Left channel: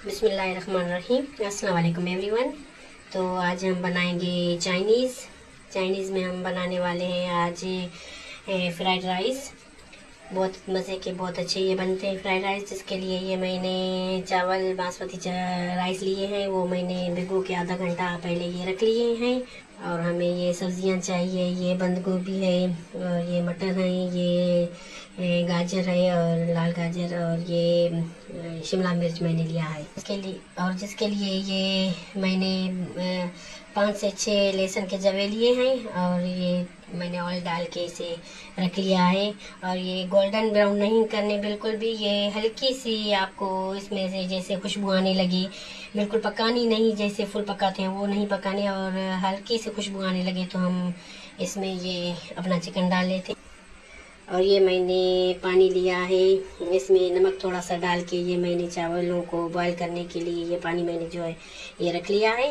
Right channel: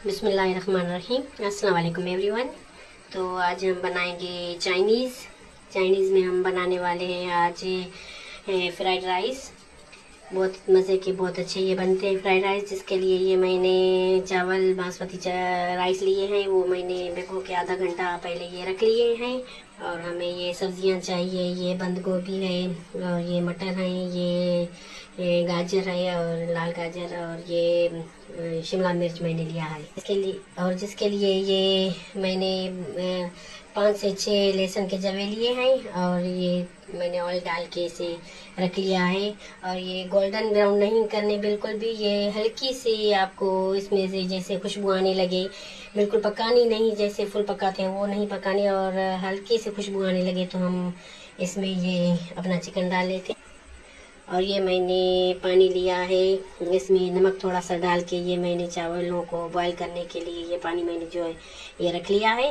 बिस्मिल्लाहिर्रहमानिर्रहीम। अस्सलाम वालेकुम एवरीवन। तो आज हम बनाएंगे चाइनीज़ में हम बनाने वाले हैं आज फ्राइड राइस। बहुत मज़े के बहुत अच्छे ये बनते हैं फ्राइड राइस। जिसके लिए ये मैंने चावल बासमती राइस लिए हैं, वो मैंने भिगो के आधा घंटा पहले ये रख लिए हैं। और हमें ये सब्जियां चाहिए, ये बंद गोभी है और ये मटर है, ये गाजर है और लाल गाजर, और ये शिमला मिर्च मैंने लिया है जिसके लिए ये मैंने 5 से 6 लहसुन के जवे लिए हैं और ये मैंने ऑयल डाल के इसे रख लिया है। और ये गोल्डन ब्राउन नहीं करने बिल्कुल भी, ये हल्की सी आपको इसमें से जैसे खुशबू आने लगे, बिल्कुल पकानी नहीं, जैसे फुल पकाते हैं वो नहीं पकाने, और हल्की से खुशबू आने लगे तो हम इसमें ये अपना चिकन डाल लेते। और ये मैंने पानी लिया है, इसमें नमक थोड़ा सा डाल के ये मैंने चावलों को बॉईल करने के लिए ये पानी मैंने जो है ये रख लिया है।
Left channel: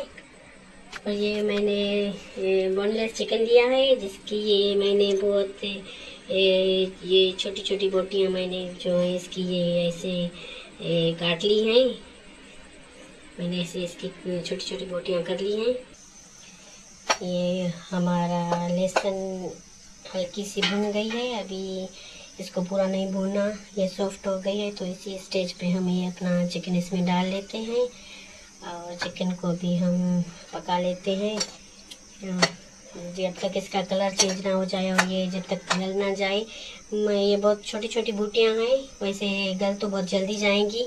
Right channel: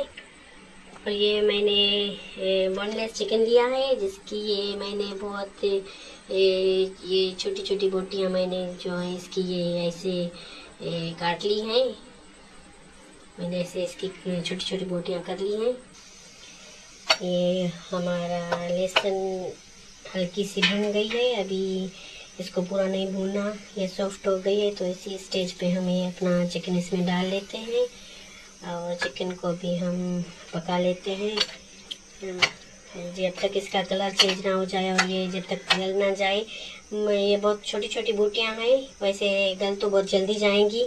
और ये मैंने बोनलेस चिकन लिया है, जिसकी ये मैंने बहुत ये छोटी छोटी बोटियाँ मैंने जो है इसकी ये ऐसे काट ली हैं। मैंने ऐसे इसकी छोटी छोटी बोटियाँ कर ली हैं। ये हमारा लहसुन हल्की सी भून गई है, अभी इसको पूरा नहीं भूनना, ये सॉफ्ट हो गई है। तो इसी स्टेज पे हम ये अपना चिकन इसमें डाल लेते हैं और चिकन को भी हम पका लेते हैं जब तक इसका कलर चेंज ना हो जाए और ये जब तक गल ना जाए। ये बहुत छोटी छोटी बूटियाँ हैं, वैसे गल तो बहुत जल्दी जाएंगी,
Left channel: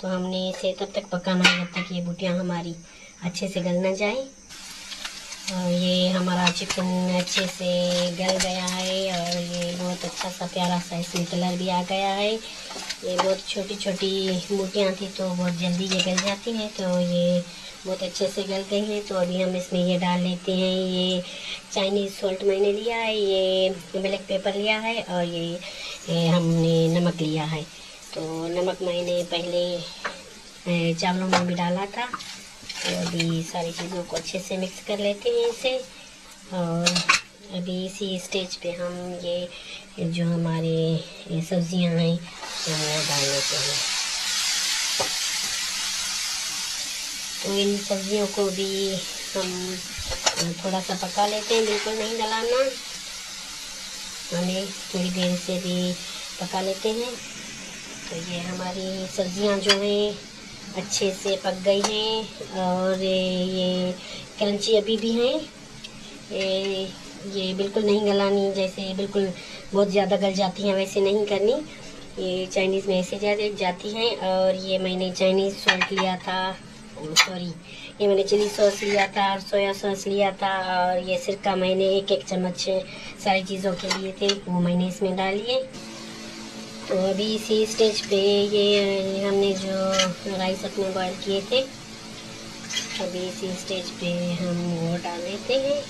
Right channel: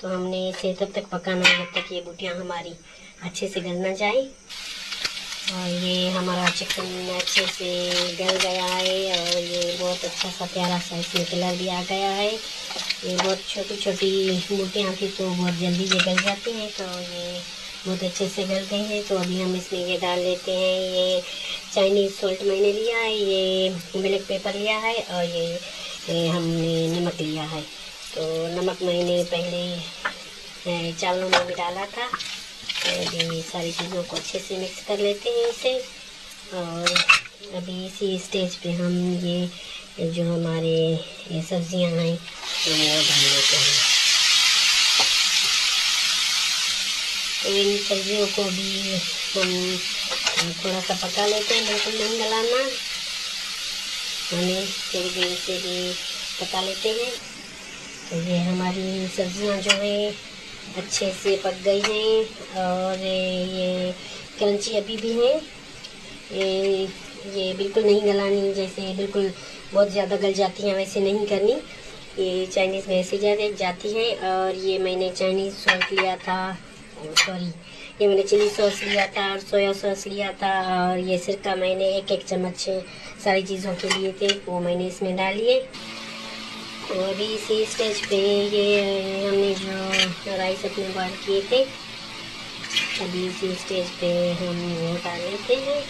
तो हमने इसे तब तक पकाना है जब तक ये बूटियाँ हमारी अच्छे से गल ना जाए। और ये हमारा चिकन अच्छे से गल गया है और ये बहुत अच्छा सा प्यारा सा इसमें कलर भी आ गया है। ये बहुत छोटी छोटी बूटियाँ थी तो बहुत जल्दी ये गल जाती हैं, तो ये बहुत अच्छे से गल गई हैं। तो अभी हम इसमें ये डाल लेते हैं, ये चाइनीज़ सॉल्ट मैंने लिया है, ये ब्लैक पेपर लिया है और ये हमने नमक लिया है। तो नमक मैंने पहले चावलों में भी डाला था। अभी सारी चीज़ों को अच्छे से मिक्स कर लेते हैं इसे। और अभी इसी स्टेज पे हम ये जो हमारे ये सब्जियां हैं तो वो डाल लेते हैं। तो इन सब्जियों को भी हम थोड़ा सा पका लेते हैं, बिल्कुल नहीं गलाना, हमें थोड़ी देर से भी पका लेते हैं। तो ये हमारी सब्जियां जो है अच्छे से पक गई हैं और ये क्रंची अभी भी हैं। ये बिल्कुल नहीं गलानी, जैसे बिल्कुल बहुत ज़्यादा गल जाती हैं वैसे नहीं करनी, ये चाइनीज़ में ऐसे ज़्यादा जाती हैं। और ये मैंने चाइनीज़ सॉल्ट लिया था, ये मैंने चिली सॉस लिया था और सोया सॉस लिया था, और ये सिरका मैंने एक चम्मच सारी चीज़ों के लिए थे वो मैंने इसमें डाल लिए। तो अभी इसी स्टेज पे ये हमने जो राइस अपने बॉयल किए थे, अभी इसी स्टेज पे हम वो डाल लेते हैं।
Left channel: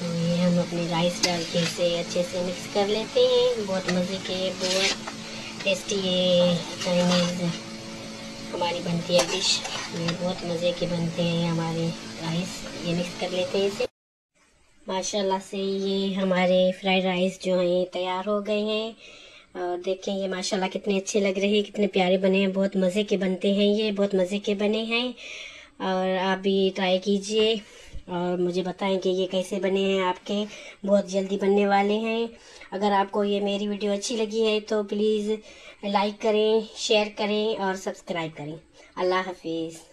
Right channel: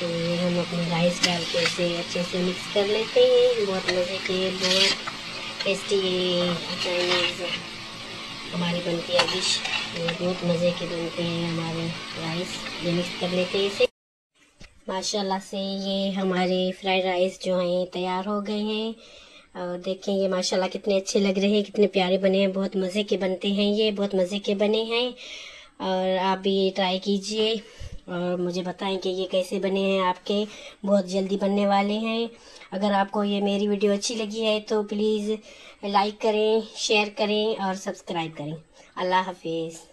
तो ये हम अपने राइस डाल के इसे अच्छे से मिक्स कर लेते हैं। बहुत मज़े के बहुत टेस्टी ये चाइनीज़ हमारी बनती है डिश, बहुत मज़े के बनते हैं हमारे राइस। ये मिक्स कर लेते हैं इसे। माशाल्लाह से ये हमारे फ्राइड राइस जो हैं तैयार हो गए हैं। और देखिए ये माशाल्लाह कितने अच्छे लग रहे हैं, कितने प्यारे बने हैं, बहुत मज़े के बनते हैं, ये बहुत मज़े के बने हैं। और आप भी ट्राई कीजिए और मुझे बताएं कि ये कैसे बने हैं आपके, बहुत जल्दी बनने वाले हैं। अगर आपको ये मेरी वीडियो अच्छी लगी है तो प्लीज़ लाइक करें, शेयर करें और सब्सक्राइब करें। अल्लाह हाफिज़।